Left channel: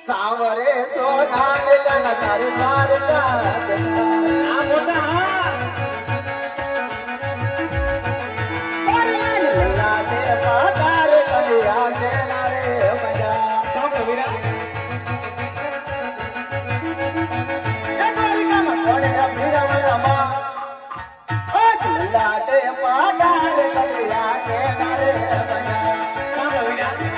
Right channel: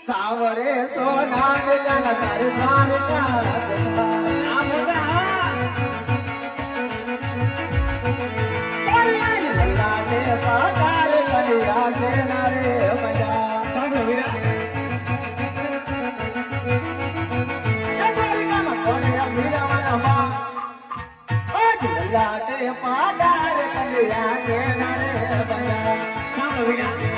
સાવરે સોના કન તારી દ્વારકા આ મોટા લાગે પાદાર કલિયા સેના રે બજા સામે વિરા દ્વારકા માં પડે વિરા મા આજ લાગે પાદાર કલિયા સેના રે બજા સામે વિરા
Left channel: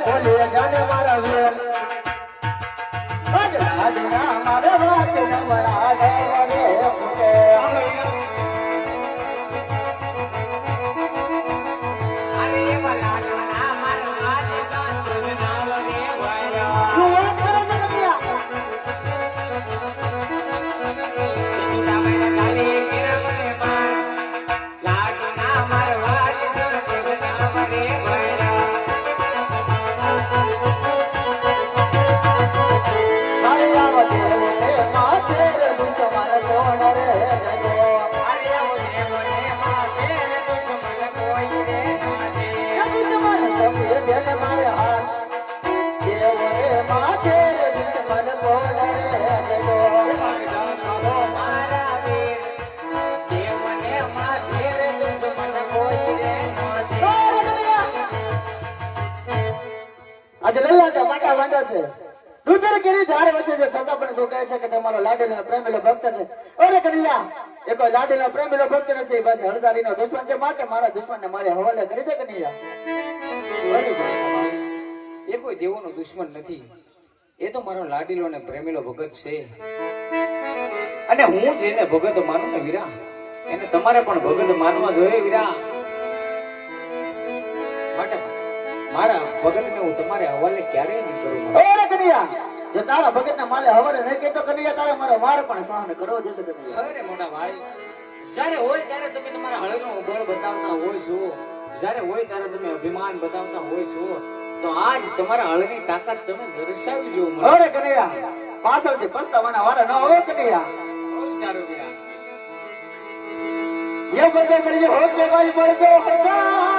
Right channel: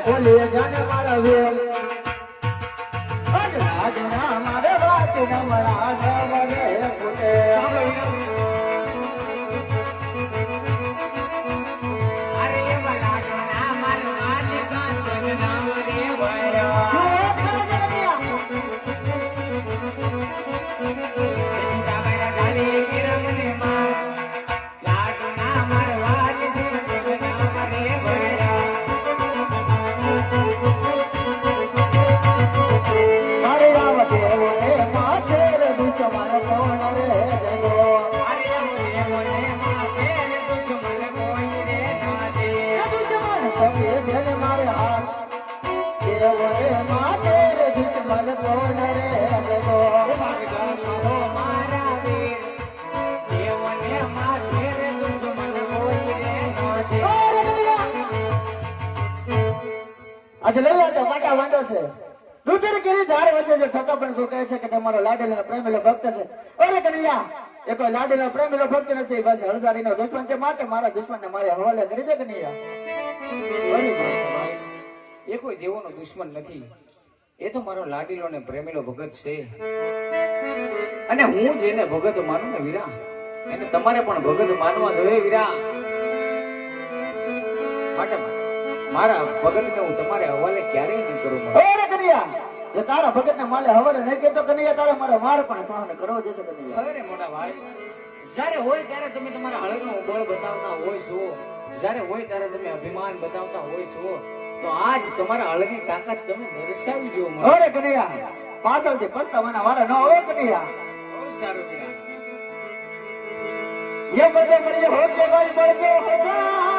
બોલે જાને મારા વીર અદલા દુના મારા હાથ નમણા ડવરે ફૂટે અરે વાલા ના મારા હાથ સંતોષ નાવ રે વાયરા શું કરે છે કપિયા સુના મેરે કાલે કેરા મને માં લાગ ના મારા હાથ સંતોષ નાવ રે વાયરા આજે લલ્લા વાટા વાંધા છે દૂધર કેરી ધારે વચ્ચે છે છતાં પણ તું કહે છે કે તમારો લાડેલો પ્રેમીલો ભક્ત છે અરે કનૈયા એ કોઈ લાડેલો પ્રેમીલો ભક્ત નથી બસ હળદારીનો દુશ્મન છે માટે મારા દુશ્મનને મારે હવાલે કરી દે કનૈયા એ કોઈ દેવોનો દુશ્મન નથી એ તો મારો લાડીલો ને પ્રેમીલો ભગત છે અને હું જેને ભગત માનું ને વીરા એને તમારે પણ ભગત માનવા જોઈએ વીરા માટે મારા ભગતને હું તમારે હવાલે ક્યારેય નહીં કરું અરે કનૈયા જો તારા ભગતને માલે હવાલે નહીં કેતો કનૈયા તારે મારો વાર પણ સહન કરવો જશે કનૈયા અરે મોટા ભાઈ જ્યારે હોય ત્યારે તમે તમારા હળનો બળ બતાવતા હોય છો જ્યારે હોય ત્યારે તમે અભિમાન બતાવતા હોય છો તો આજ તમારા હળની તાકાત તમે દર્શાવી જો અરે કનૈયા પાછળથી પસ્તાવાના વાળા ન હોય કનૈયા બહુ સારું વીરા યે બધે મળી હો કે મારી મળતો હોગા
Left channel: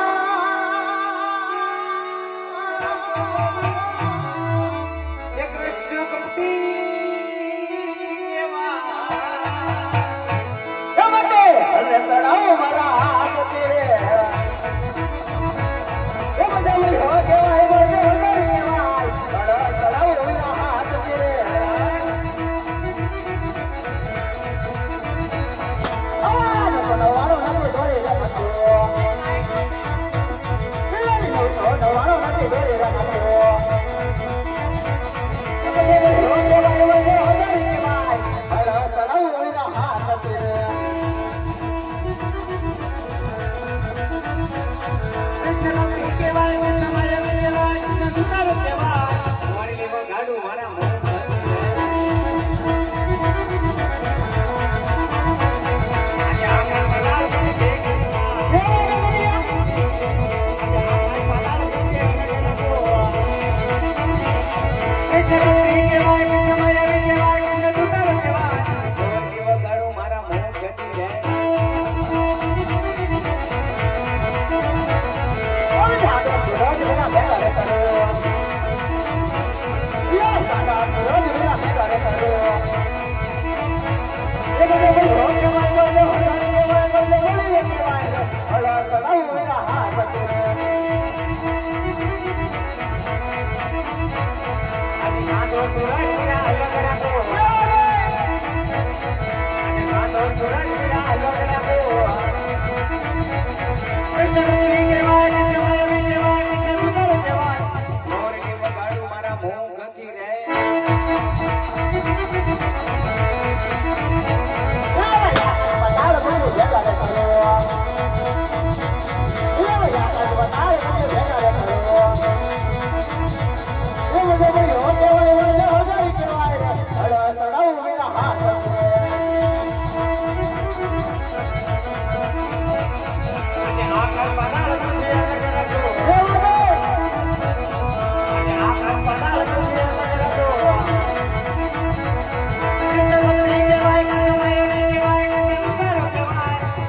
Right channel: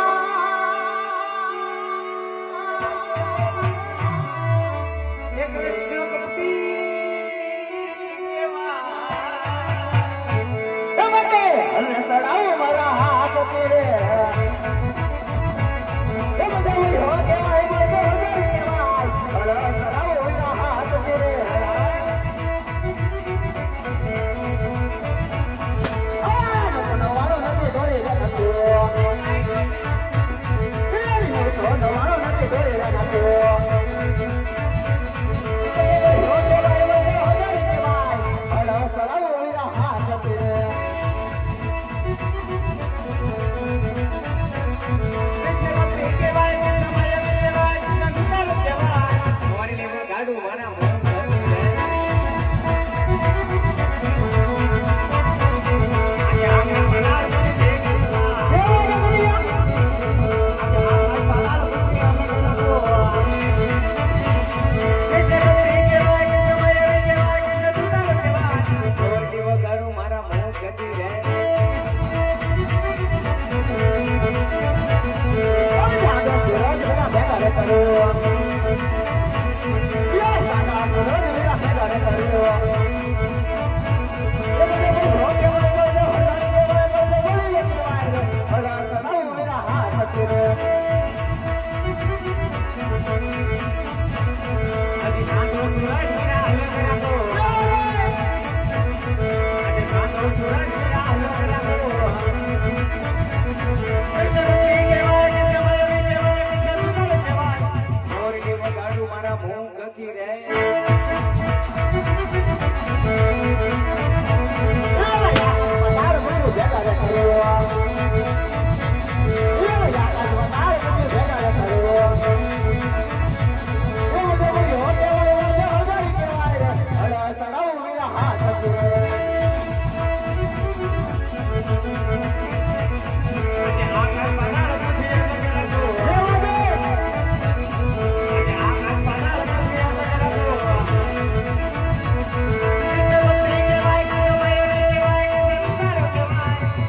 થતી રે. આજે સાંધો સૂરજ વીરા અલગ રાખો. આજે સાંધો સૂરજ વીરા અલગ રાખો. મોરડી વગાડું મારા મોં ગતિ રે.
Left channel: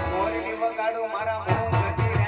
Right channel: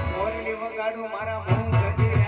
મોરડી વગાડું મારા મોં ગતિ રે.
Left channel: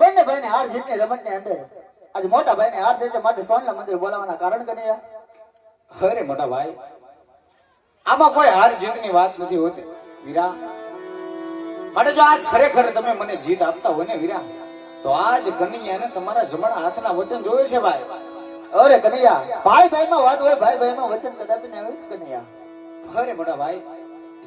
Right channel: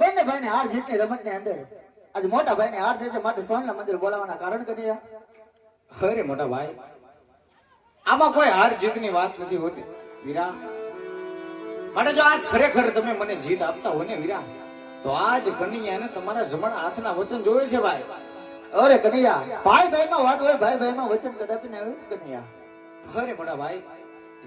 બંને ભાઈને હાર જીતની રમતની અંદર આજે મોટા ભાઈને હાર જાય છે માટે સોનલા મંદિર બોલાવવાના કારણ કનૈયા. અરે મોટા ભાઈ, આમાં કોઈ હાર જીતની વાત નથી હોતી વીરા. માટે જો આજ ખરેખર તમે મને જીત આપતા હોય ને વીરા, તો આજ કનૈયાને તમારા જમણા હાથના વચન જોયે છે ભાઈ. અરે કનૈયા, ભાઈ ભાઈમાં વાત હોય, ભાઈ ભાઈમાં વચન કદાપી ના આવે કનૈયા. અરે મોટા ભાઈ,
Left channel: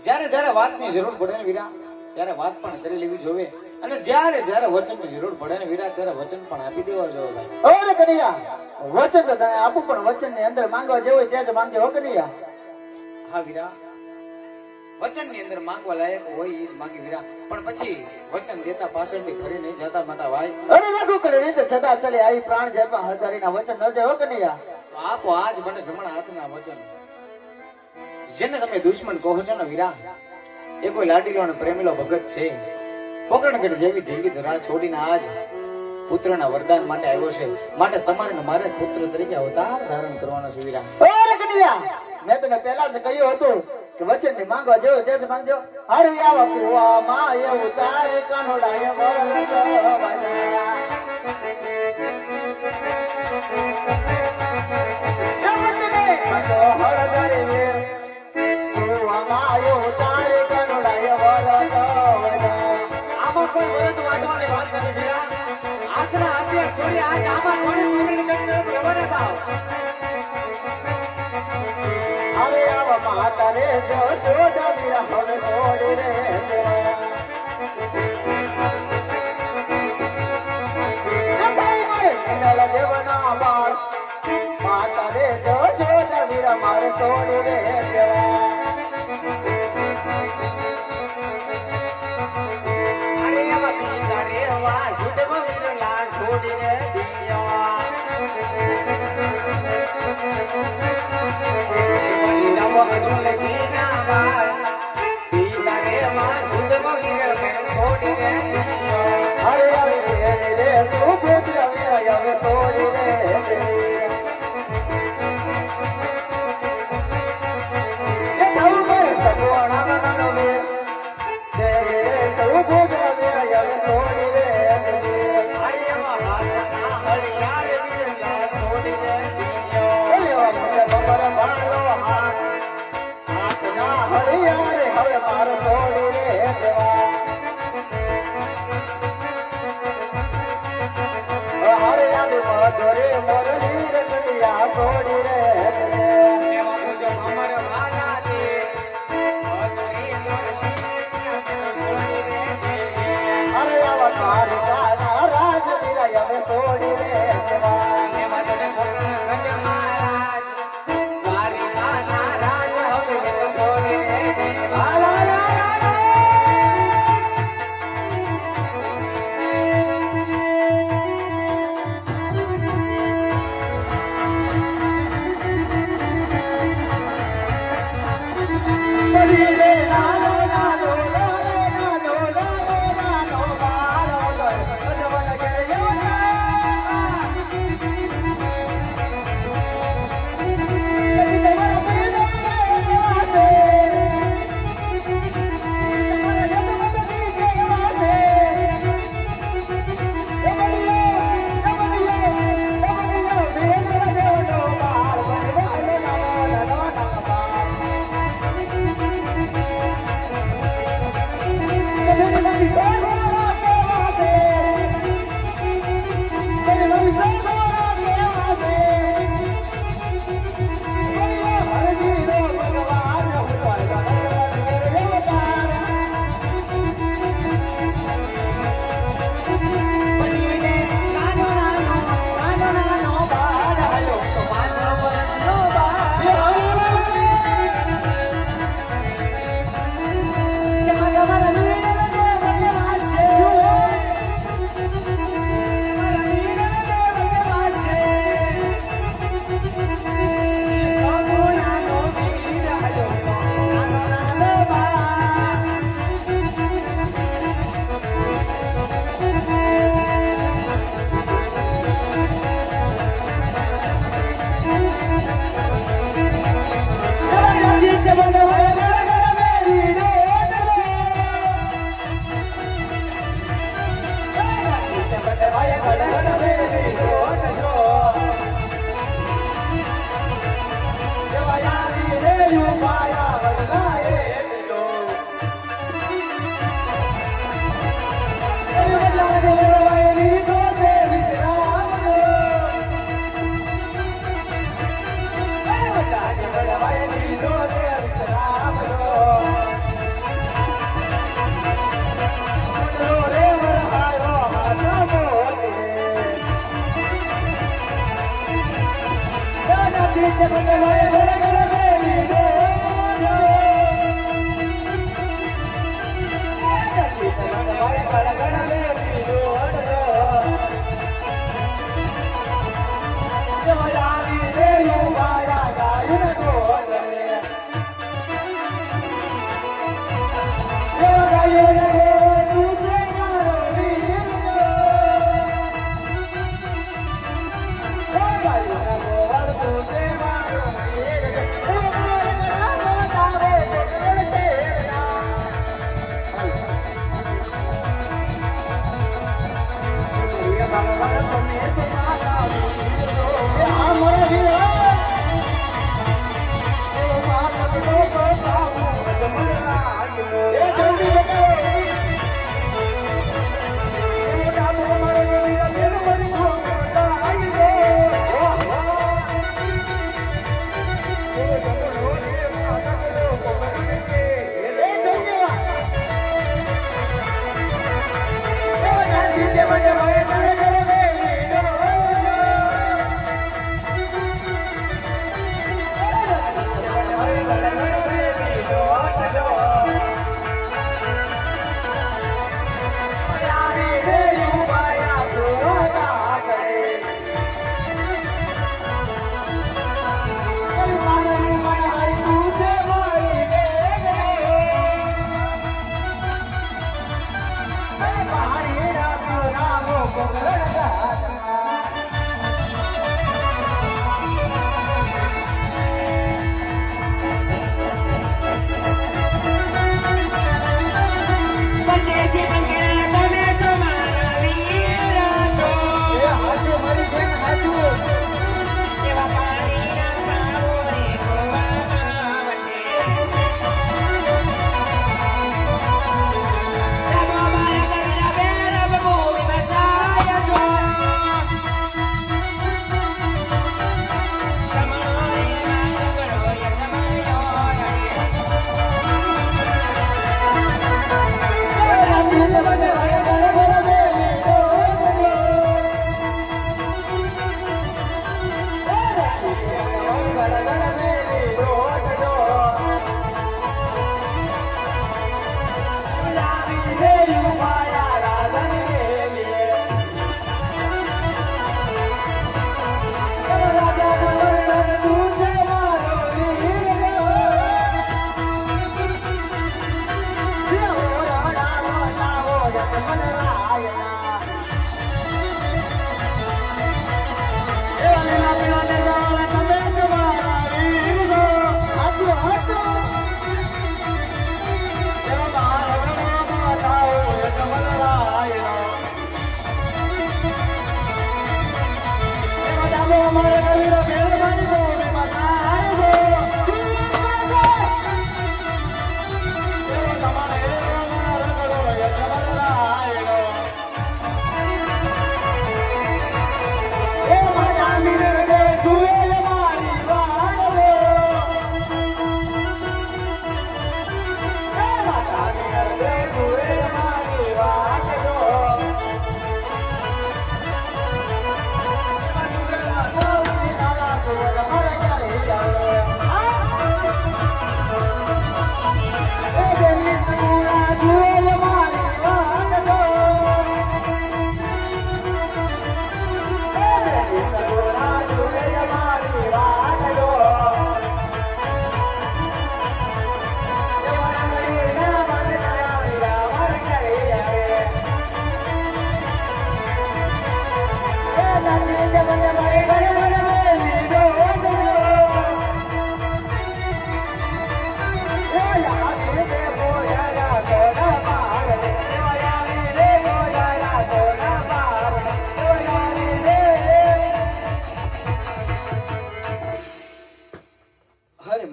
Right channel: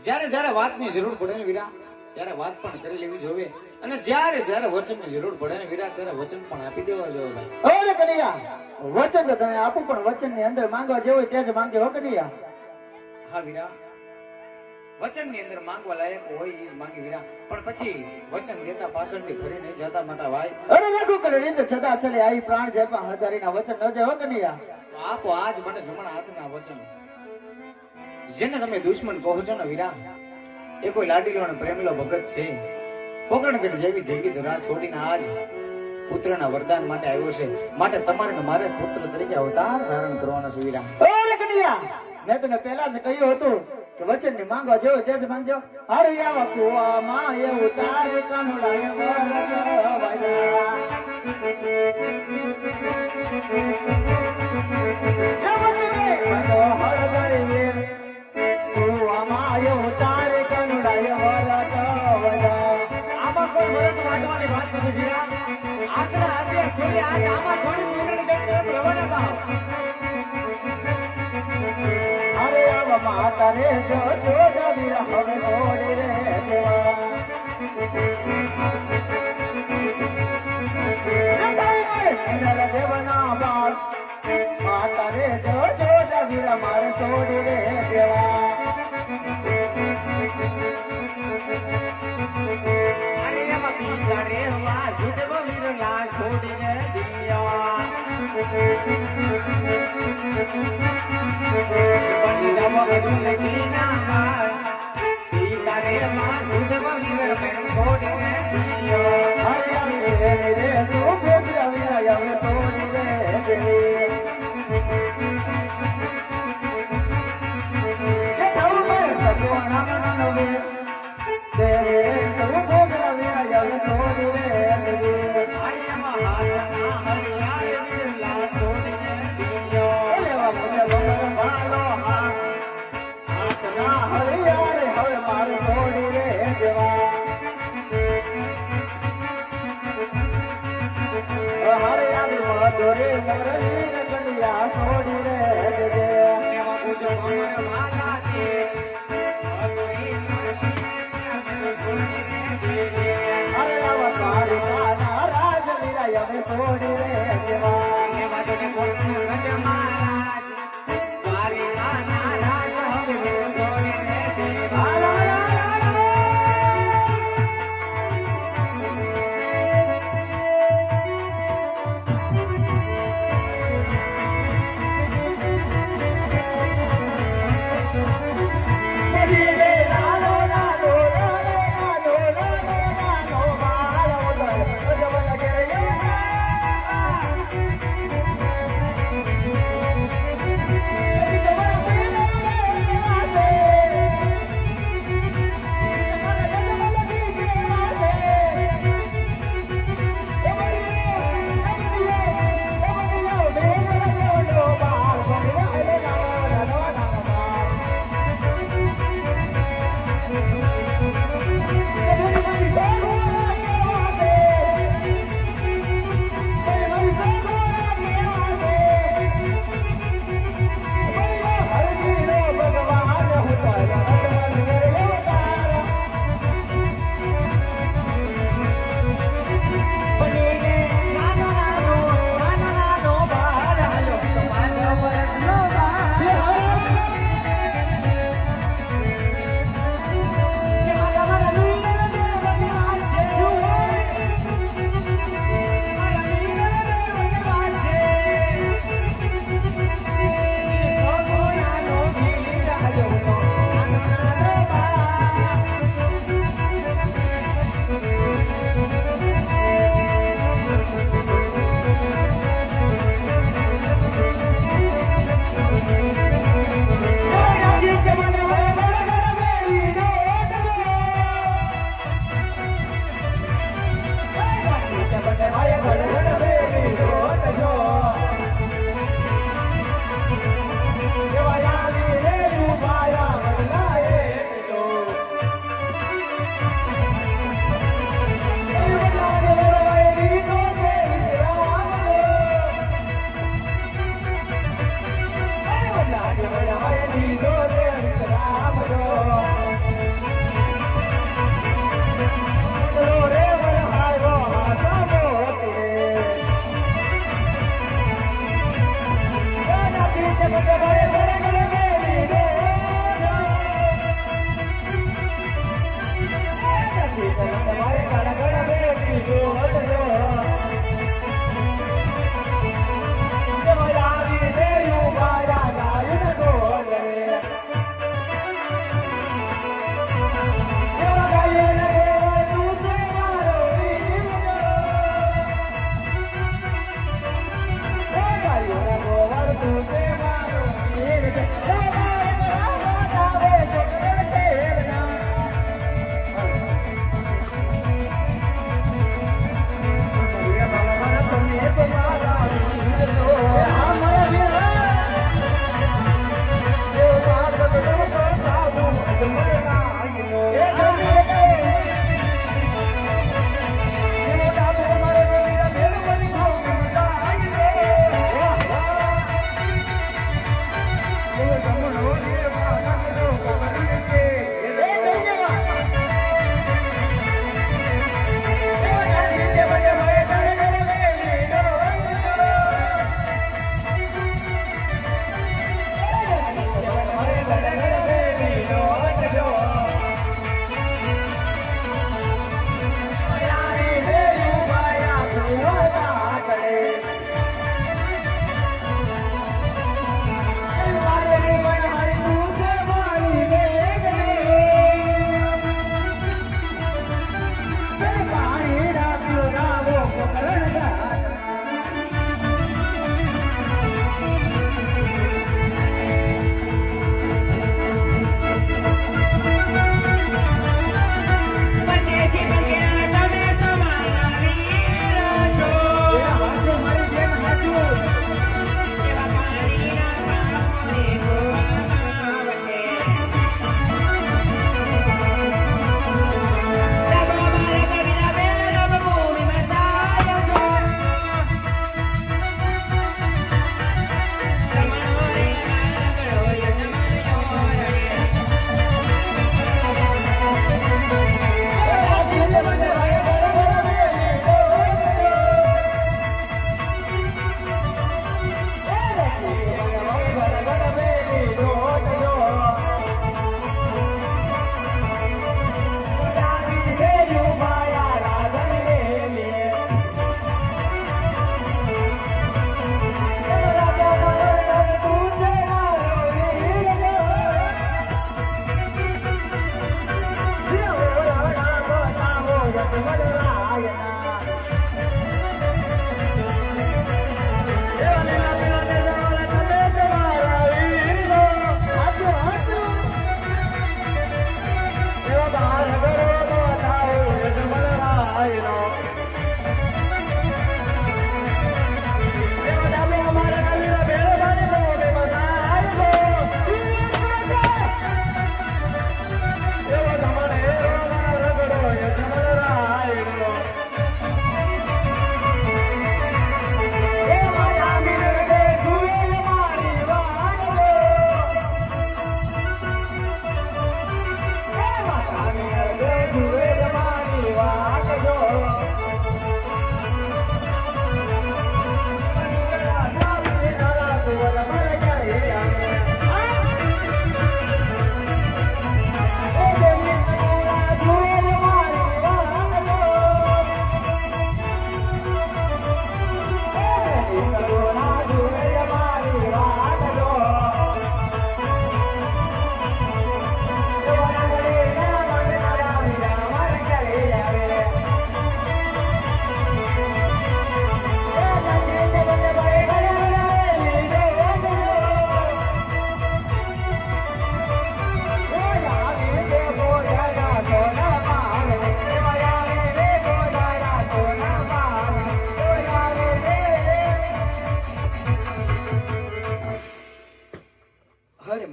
જ્યારે જ્યારે વાતની જરૂર પડે ને વીરા, ત્યારે વાત પણ કરી લેવી જોઈએ. અને જ્યારે જ્યારે વચનની જરૂર પડે ને વીરા, ત્યારે વચન પણ આપી દેવા જોઈએ ભાઈ. અરે કનૈયા, વચન તો તને આપું, પણ વચનની અંદર માંગવા જેવું હોય ત્યાં જ માંગજો હો કનૈયા. હા વીરા, વચનની અંદર માંગવા લાયક હોય એ જ માંગી વીરા, પણ પછી વચન દેતા પાછળથી ફરી નહીં જતા મોટા ભાઈ. અરે લાગુ કરે રીતે સદા ચાલે આઈ પ્રાણ જાય પણ હળધારીના વચન ન જાય હો કનૈયા. તો આપો આજ મને જમણા હાથના વચન. જેને તમે દુશ્મન કહો છો ને વીરા, એ કોઈ લાડીલો અને પ્રેમીલો ભગત છે. પોકરણગઢ જેવી જંગી ધરા છોડીને આજ પુત્રના વરદાન માટે આવ્યો છે. માટે તમારે ને મારે પુત્ર તરીકે અવતાર ધારણ કરવાનો છે વીરા. અરે કનૈયા, મેં તને પહેલા જ કહ્યું હતું કે વચન ની માંગવા જેવો તે જ માંગજો. હરે આવા કુવામાં એવું તારે કાનોડાય આમાં કોઈ વરત વાંચવાની વાત નથી વીરા. આજના આજે છોડી આજ આમાં છોડી પોકરણગઢ તરફ રવાના થાવ. અરે આવા માતા રે જો સોદા વીરા હવે છોડી રે દેવના બાળ માતા રે જો સોદા વીરા મારે છોડી રે દેવા. અરે એવા પીના રેવા સુડવા વીરલા છોડીને દિયા. જવા જોલે સીના બાળ પીના રેવા સુડવા વીરલા છોડીને દિયા. હરે હરે રે સુપુત્ર વીરા હવે છોડી રે એ થાઉ મારે સગોણા બનાનો વે રે સુપુત્ર વીરા હવે છોડી રે અરે એવા હાથના હરિયા વીરલા છોડીને દિયા.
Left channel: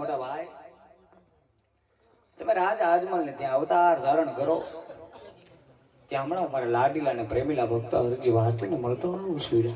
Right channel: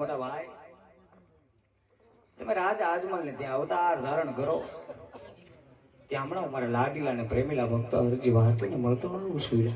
મોટા ભાઈ તમે રાજ આજમલ ને ત્યાં અવતાર ધારણ કરો. ત્યાં હમણાં મારા લાડીલા ને પ્રેમીલા ભક્તો હજી વાતો ને મળતો આવું છું.